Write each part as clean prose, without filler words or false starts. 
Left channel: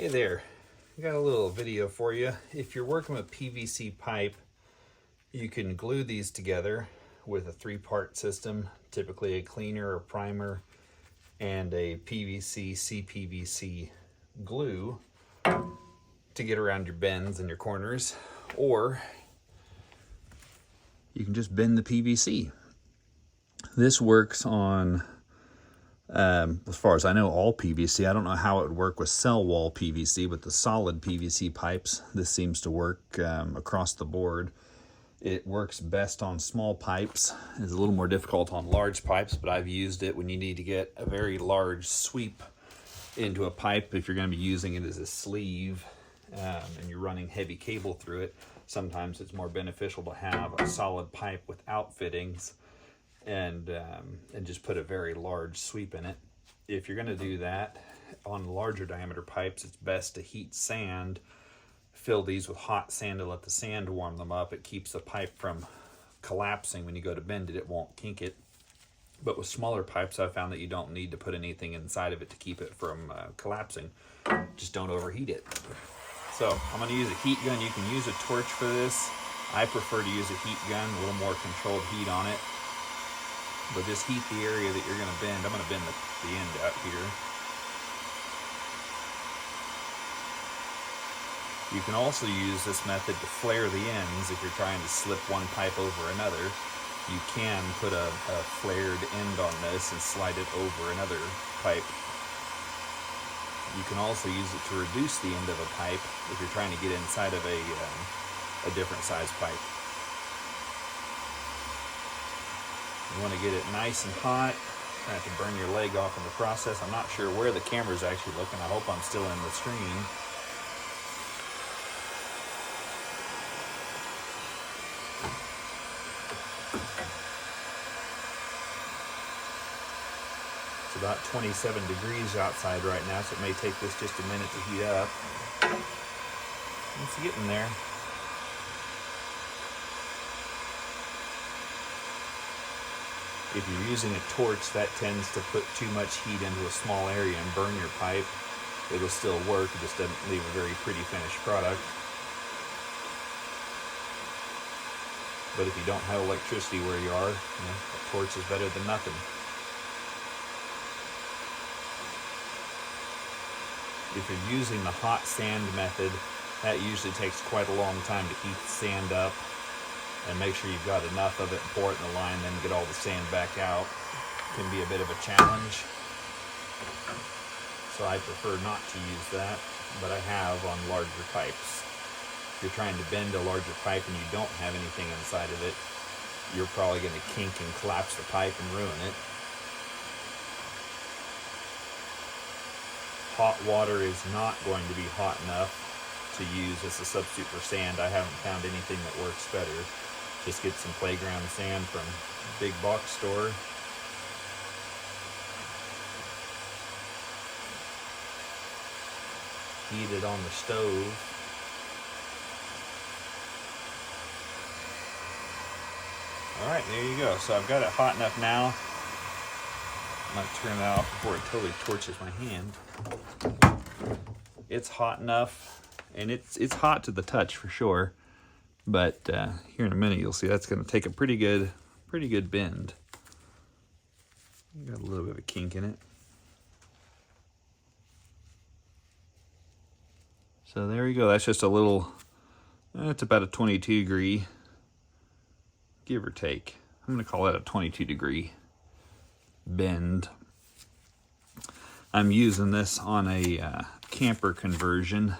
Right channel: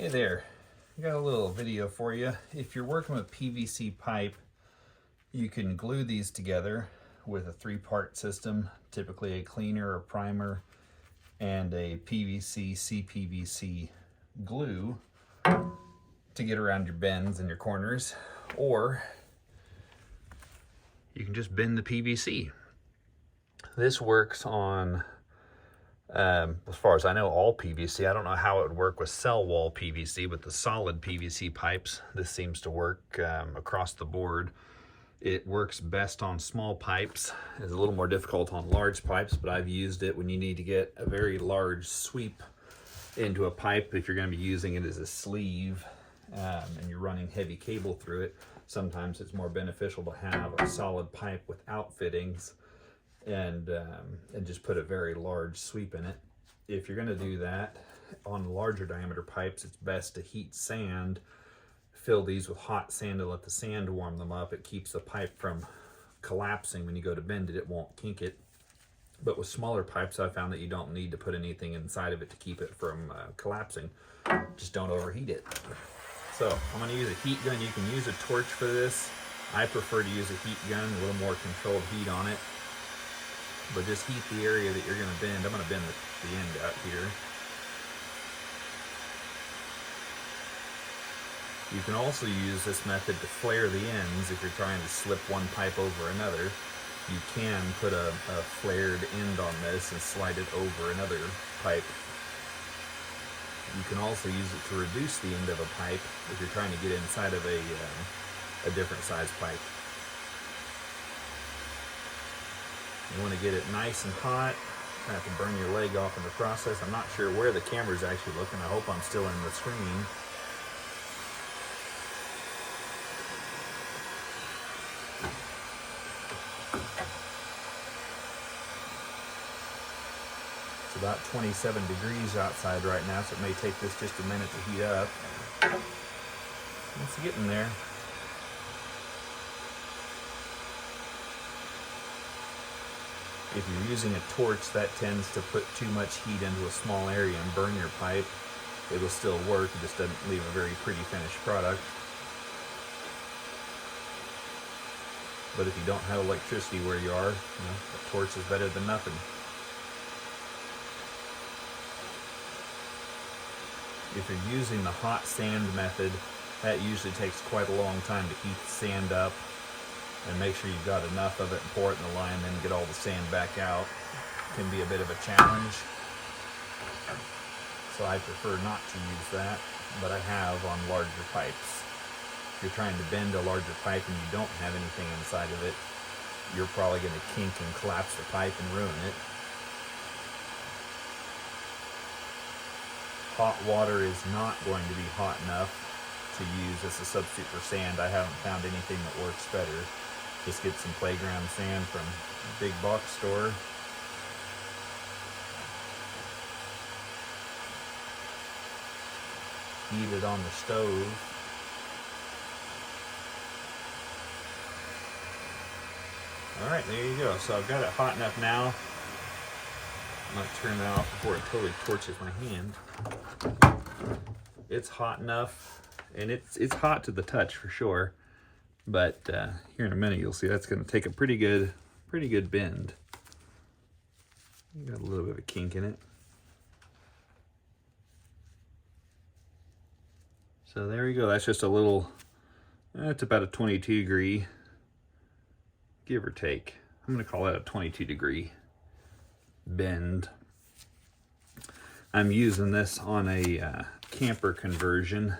Hey there, I got a little video for you. If you're working with PVC pipe, you can glue these together with a three-part system, typically a cleaner or primer and a PVC CPVC glue to get around your bends and your corners, or you can just bend the PVC. This works on as far as I know, all PVC. I don't know how it would work with cell wall PVC, but the solid PVC pipes, this seems to work across the board. It works best on small pipes. It's a little more difficult on large pipes, but I've used it when you need to get a very large sweep into a pipe. If you're going to be using it as a sleeve and you're running heavy cable through it, sometimes it's more beneficial to have a solid pipe without fittings and just put a very large sweep in it. If you're going to do that on larger diameter pipes, it's best to heat sand, fill these with hot sand to let the sand warm them up. It keeps the pipe from collapsing. When you go to bend it, it won't kink it. But with smaller pipes, I found that you don't need to put anything inside of it to keep it from collapsing. Just don't overheat it. So I'm going to use a heat gun. You can use a torch for this. I prefer to use a heat gun, a little more controlled heat on it. But just heat the area that you're going to bend. I'm going to bend the end out here. You can also use this method to flare the ends if you're trying to slip one pipe over another. You can put a flared end on this and slide it over another pipe. You can also use it to reduce the end of a pipe if you're trying to get inside of a different size pipe. You want to get it nice and hot. You're going to have to burn your leg off in the process. I'm not sure where the camera's actually looking. I hope I'm still in the screen. It's about 27 degrees outside right now, so it may take this just a minute to heat up. It's getting there. If you're using a torch, that tends to put too much heat into a small area and burn your pipe. It'll still work, it just doesn't leave a very pretty finished product. But if you don't have electricity where you are, a torch is better than nothing. If you're using the hot sand method, that usually takes quite a long time to heat the sand up. And make sure you've got enough of it and pour it in the line, then get all the sand back out. Can be a bit of a challenge. So I prefer not to use that, but I have on larger pipes. If you're trying to bend a larger pipe and you don't have anything inside of it, you're probably going to kink and collapse the pipe and ruin it. Hot water is not going to be hot enough to use as a substitute for sand. I haven't found anything that works better. Just get some playground sand from a big box store. Heat it on the stove. Alright, there you go. So I've got it hot enough now. I might turn that off before it totally torches my hand. It's hot enough, and it's hot to the touch for sure. But here in a minute, you'll see that's going to take a pretty good bend. Got a little bit of a kink in it. So there you go. That's just a little. That's about a 22 degree, give or take. I'm going to call that a 22 degree bend. I'm using this on a camper conversion.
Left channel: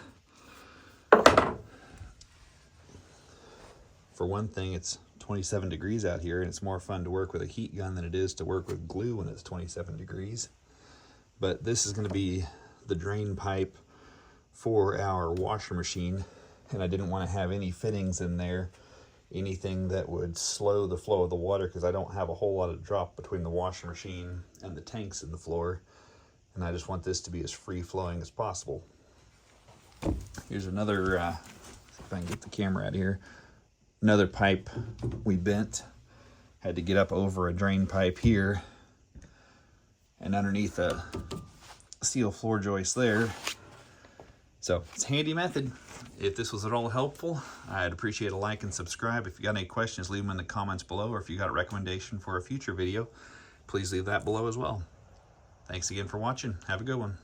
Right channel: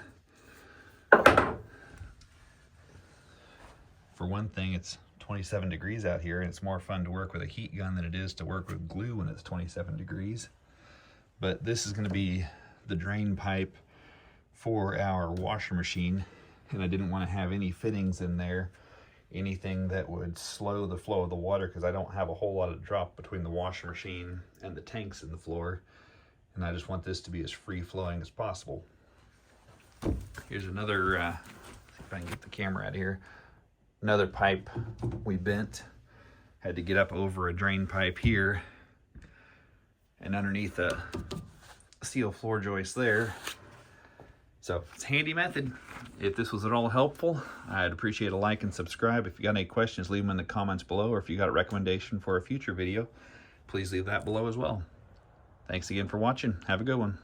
For one thing, it's 27 degrees out here, and it's more fun to work with a heat gun than it is to work with glue when it's 27 degrees. But this is going to be the drain pipe for our washer machine, and I didn't want to have any fittings in there, anything that would slow the flow of the water, because I don't have a whole lot of drop between the washer machine and the tanks in the floor, and I just want this to be as free-flowing as possible. Here's another, if I can get the camera out of here. Another pipe we bent. Had to get up over a drain pipe here and underneath a steel floor joist there. So it's a handy method. If this was at all helpful, I'd appreciate a like and subscribe. If you got any questions, leave them in the comments below, or if you got a recommendation for a future video, please leave that below as well. Thanks again for watching. Have a good one.